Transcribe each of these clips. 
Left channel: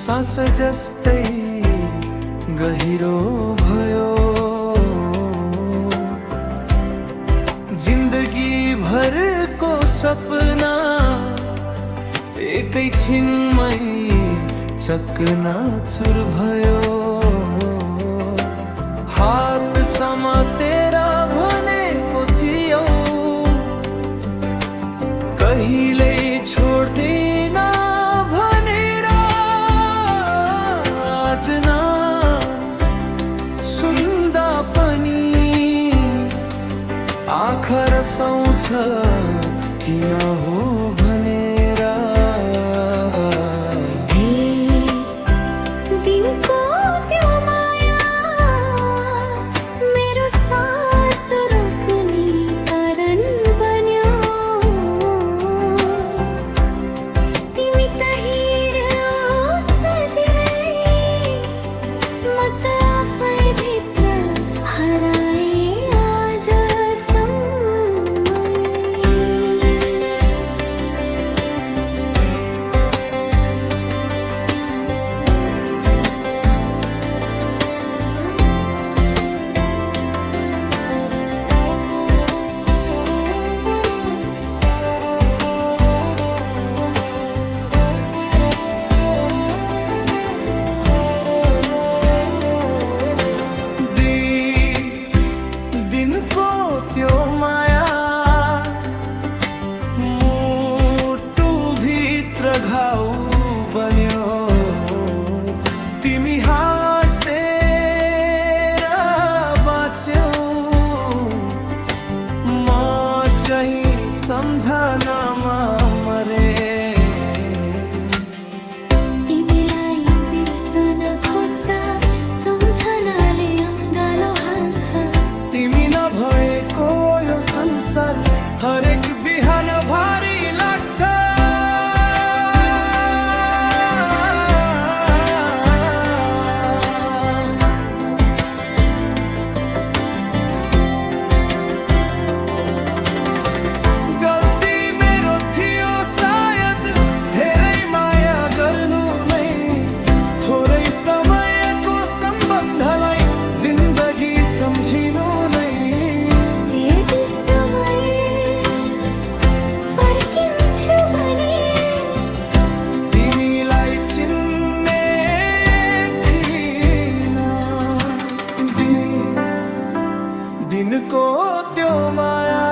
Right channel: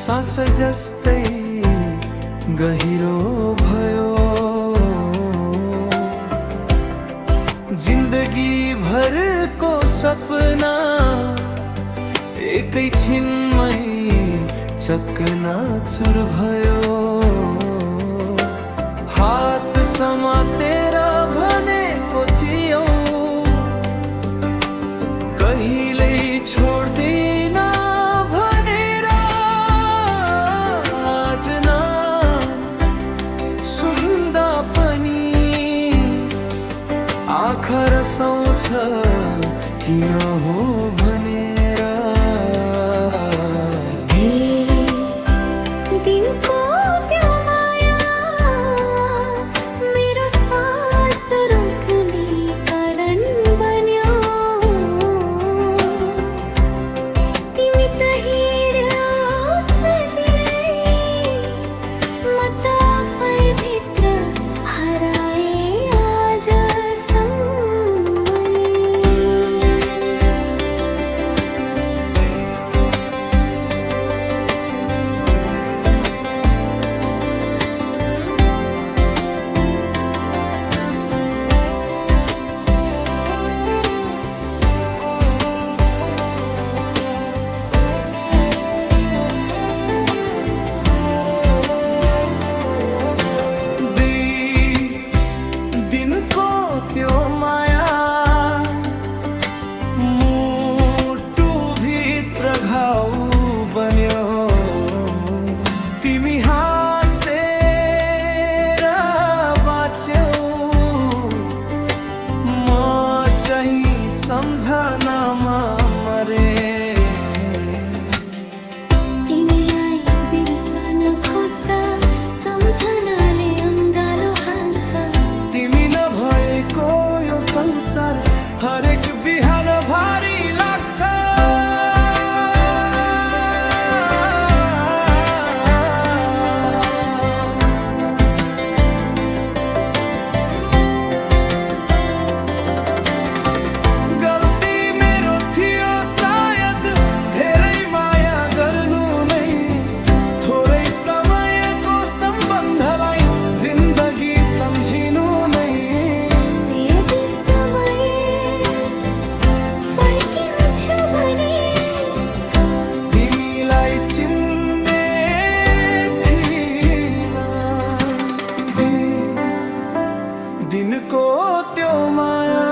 सास जस्तै गहिरो भयो। जिन्दगी भरको सपना एकै छिनमै चकनाचुर भयो। हात समातेर भनेको थियौ कहिल्यै छोड्दिन भनेर, आज नाम सुन्दा पनि आँखा रसाउँछ किन हो भनेर। दिनको त्यो माया मेरो सास रोक्ने कारण बन्यो। तिमी त हिँड्यौ सजिलै, म त आफैभित्र हराए त्यो माया मुटु भित्र घाउ बन्यो। तिमी हाँसेर बाँच्यौ, म चाहिँ सम्झनामा मरे। तिमीलाई बिर्सन खोज्दा सम्झनाले अङ्गालो हाल्छ। तिमी नभएको यो संसार हरेक बिहान भारी लाग्छ। गल्ती मेरो थियो सायद धेरै माया गर्नु नै, थोरै समयको सम्बन्धलाई जिन्दगी सम्झिनु नै। यदि समय फर्किन्थ्यो भने तिमीलाई चिन्ने थिइन। दिनको त्यो माया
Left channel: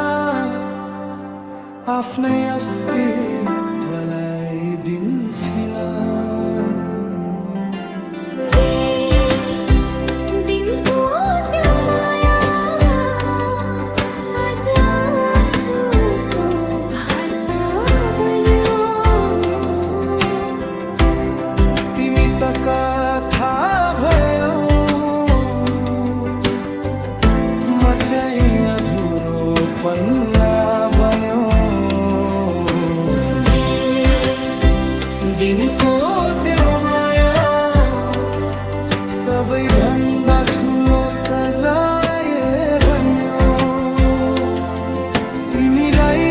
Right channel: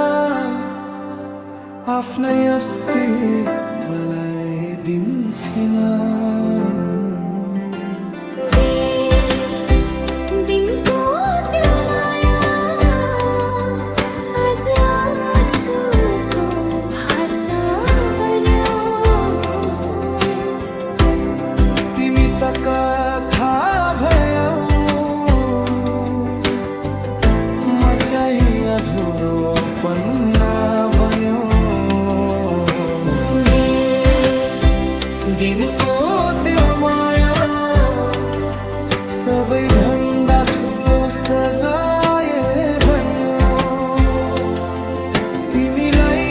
आफ्नै अस्तित्वलाई दिन्थिन। दिनको त्यो माया आज आँसुको भाषा बन्यो। तिमी त कथा भयौ, म चाहिँ अधुरो पन्ना बन्यो। दिनको त्यो माया सबैभन्दा ठुलो सजाय बन्यो। तिमीलाई